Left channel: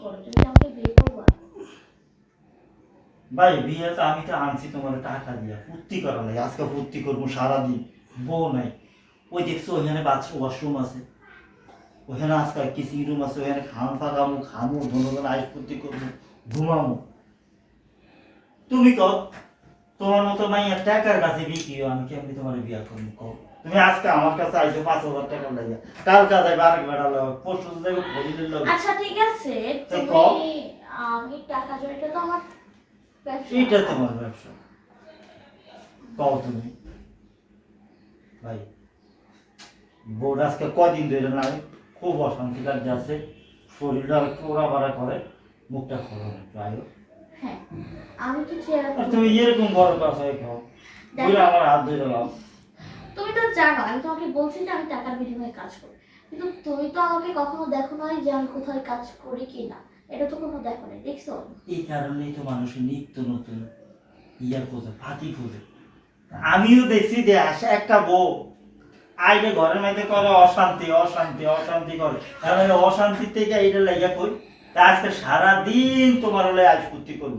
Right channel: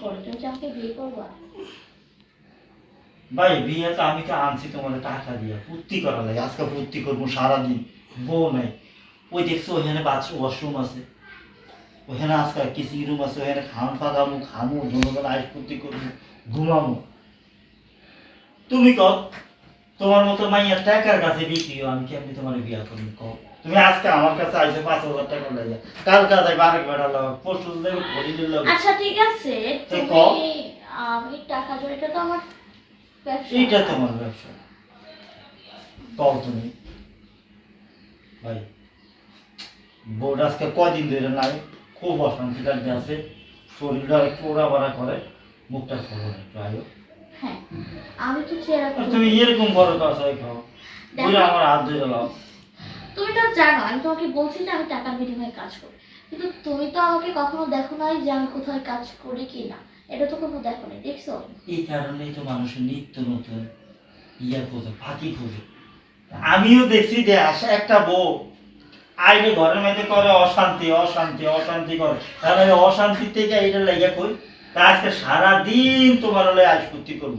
করো ভাই বিয়ে তো আমি তো আনছি তোমার টাকা দিয়া ফুর্তি করা লাগে আজকে ফুর্তি করব সারাদিন বউ নাই। ওই দেখছ ওইখানে বাথরুম ওয়াশরুম আছে। ওইখানে আজকে কিসিং রুম আছে ওইখানে খাম ফাঁকামো খামো দুজন আইস ফুর্তি করব ঘুমামো। তুমি কও তোমার মতো মাইয়া টাকার কাছে বিক্রি হও, আমি কেমনি তোমার বিয়া করব কও? তুমি আজকে আমার কাছে আইসো পাঁচ হাজার টাকা লাগে কাল কাজে বারেক বেড়া লাগ পরশু যাবে ঘড়ি লাগ। আচ্ছা ঠিক আছে। তুমি আমি টাকা এটা তো আমার ব্যবসা। এইটা তোমার ব্যবসা। কও তুমি। ভাই বোর্ড আজকে কয়দিন ধরে নাই খুব অশান্তি লাগতে আছে। শরীরটা পোড়া বাড়া করে মুখটা খোলো একটু আয়ো হ্যাঁ আমি তো চেহারা তুমি এরকম বড় কাছে খাও আমার হাত ধরে লাও তুমি তো জানো, আমি তোমাকে বলছি যে আমি টাকার বিনিময়ে কাজ করি। কিন্তু তুমি তো আমাকে কখনো দেখো নাই যে আমি কোথায় কাজ করি কি না এটা তো কোনো দেখো নাই, দেখছ? এই কারণেই তো মানুষের নিত্য নতুন ইয়া খোঁজে ফাঁকি খোঁজে। আমিও দেখছি যে আসে একটা বউ আইনে ঘরের মধ্যে করে অশান্তি অশান্তি অশান্তি করে। তাহলে এই অশান্তি থেকে এটা লেগে কই? তা আজকে সারাদিন তোমার হলে আশপত্তি করব।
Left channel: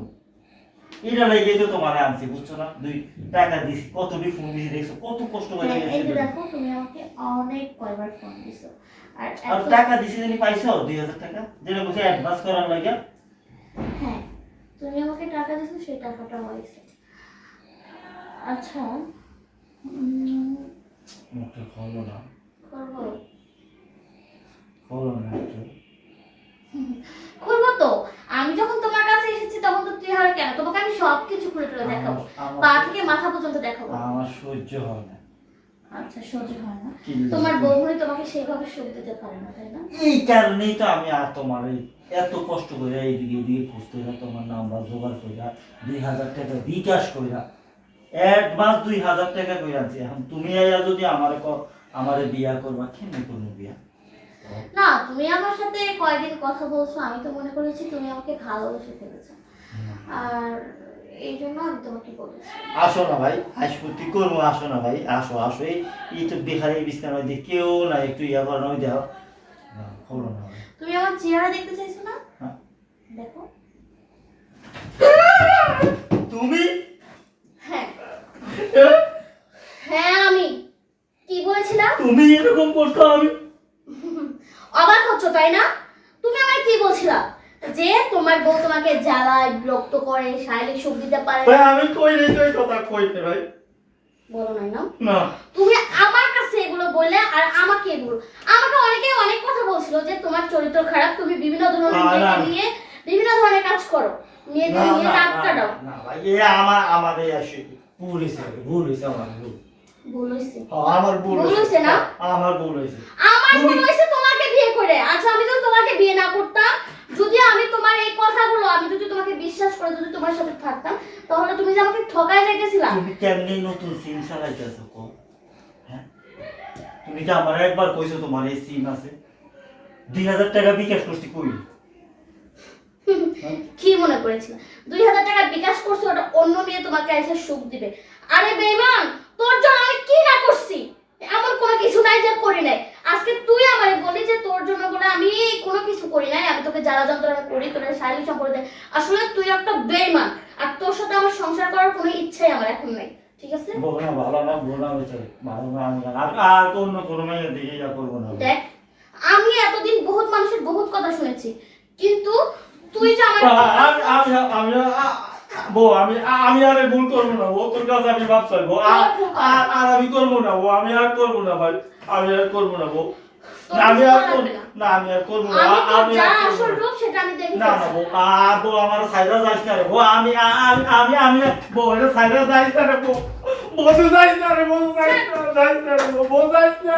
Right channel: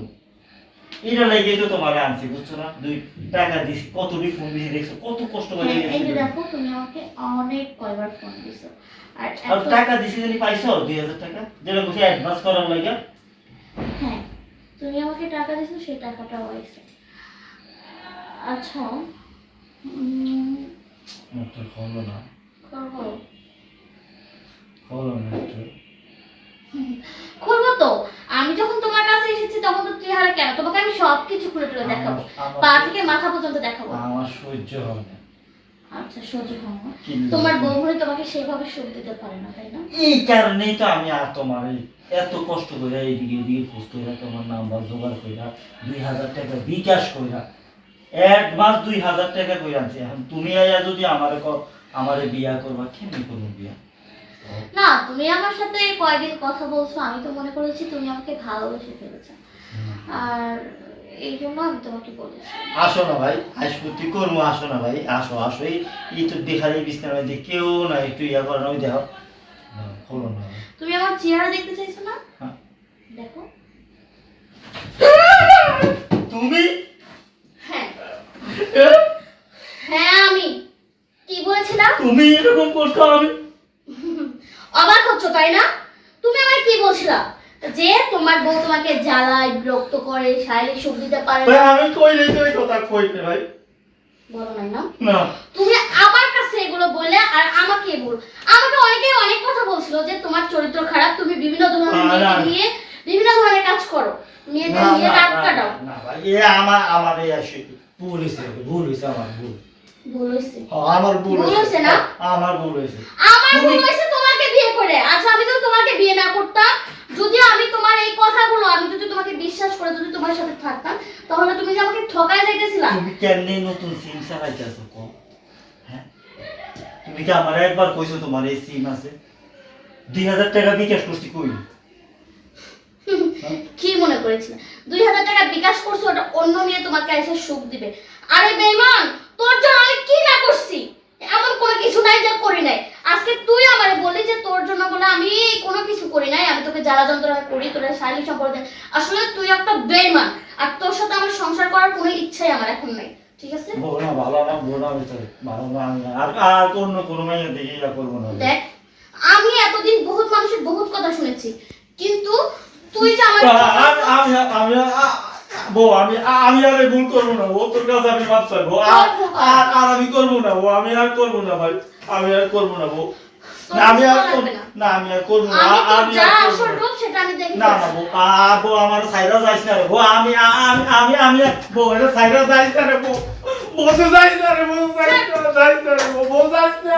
এটা লেগে তো তোমার আনছি বুঝছ না? দুই টাকা দিছি। কত ফোন দিছি দেখছ? কত কষ্ট করে হ্যাঁ, এই যে দেখো তুমি আমাকে অনেক কয়বার ফোন দিছো। আর আর টাকা দিছি জানি পাইছো? দুই হাজার টাকা? যেটা বলছে অ্যাডভান্স করার লাগে হ্যাঁ তুমি আমাকে টাকা দিছো সেই টাকাটা হয়েছে। আচ্ছা উম, মুখটা খোলো না। করব। খোলো না খুলবো তো। আমি যখন তোমার কাছে এসেছি তখন তো চেহারা কেন? তোমাকে আমি সব কিছু খুলে টুলে দেখাবো। পা থেকে মাথা পর্যন্ত দেখাবো। আমার সহ্য হবে না। আচ্ছা সহ্য হয় না। তোমার? বউগুলি তোমাকে সেভাবে সুখ দিতে পারে না তাই না? এই কারণেই তো আমি আর তোমার এই এত কষ্ট করে এইদিকে ওদিকে খোঁজ তোমার নাম্বার জোগাড় কইরা দুই হাজার টাকা বিকাশ কইরা অ্যাডভান্স দুই হাজার টাকা কইরা আনছি। এখন তুমি যদি আমারে আমারে বিয়া করবা কেমনি করব বিয়া? না তুমি আমার সাথে কয়েকদিন কথা বলছো আমি তো মনে করেছি তুমি আমাকে ভালোবেসে ফেলেছো। আর এই জন্য আমি তোমাকে বলেছি। আসো না ভাই করব? আসো না ভাই আসো আসো। এই তো দেখার এই কেউ না একটু ইয়া করো না ওই দেখো হলো না তুমি আমার চেহারা দেখতে চাইছো না? হ্যাঁ। দেখো। তুমি? হ্যাঁ? হ্যাঁ আমি। কি বলেছিলাম? তুমি এরকম করছ আমি? অবাক হচ্ছ তাই না? তুমি আমাকে কি বলছিলা? যে তোমার বউ তোমাকে জ্বালায় বিরক্ত করে শারীরিক সুখ দিতে পারে ভাই না আমি কই নাই তোর কথা কই কইতে ভাই? বলো নাই না? না। তুমি আমার কাছে এগুলো বললে আর আমাকে বল। আমাকে অনেকে অনেক কথা বলছিল যে তোমার চরিত্র খারাপ তুমি বিভিন্ন ধরনের না, না, না। নিয়ে বিভিন্ন ধরনের কাজ করো। মেয়েদের নিয়ে রাত কাটাও। না, ভাই, এ আমার আমার এই আসে ভুল হয়েছে ভুল হয়েছে আমার ভুল। ভুল হয়েছে হ, আমার ভুল হয়েছে না? আমার ভুল হয়েছে আমার ভুল বিয়ে করে। আচ্ছা আমি তো তোমাকে বিয়ে না করতাম। যদি আমি তোমার এই কথাগুলো আমি যদি তোমাকে বিশ্বাস করে যদি তোমার সাথে থাকতাম তাহলে তুমি যে আমাকে ঠকায় যাইতেছিলা। তুমি কেমনে নতুন সিম চালাইতেছো কো হ্যাঁ? তুমি কি আমার একবার কইছো তোমার এই সিম আছে। দুই হাজার টাকা বিকাশ করছি কই? কি মনে করেছিল? দুই হাজার টাকা বিকাশ করছ ওটা অন্য মেয়ে তোমাকে এসে সুখ দিবে। আরে বেইমান তোর জন্য আমি কি না করছি এমন কোনো কিছু নাই যে করি নাই আজকে তুই আমারে বলি যে তোর জন্য বলে আমি কোনো কিছু করি নাই আমি তোকে জ্বালা করি তোর শারীরিক সম্পর্কে। আসলে তুই একটা বেইমান আর তোর সাথে আমার সংসার করার কোনো ইচ্ছাই আমার এখন নাই ঠিক আছে? বলো ভালো না বলো ভিতরে ভালো না আমি আর আর অন্য কোনো মেয়ের দিকে ইয়া করব না। দেখ আমি এতদিন বহুত মানুষের বহুত কথা শুনেছি কিন্তু তুই যে আমার আমি আমি আমি বউ আমি আমি আর ভুল করব না ও তোর কাছে আমি মাপ চাইব। আর আর আমি করব না ও আমি আর করব না ভাই। আমি আর করব না বউ। না আমি আর না। আমি আর করব না আমি যা আসল না। রূপ সেটা আমি দেখে না না বউ আ বউ আমার সাইডা যাইস না রে বউ আমি আমি আমি আমি বউ এটা সাইডা যাইস না রে বউ। বউ যাইস না রে বউ যাইস না যাইস না রে বউ যাইস না।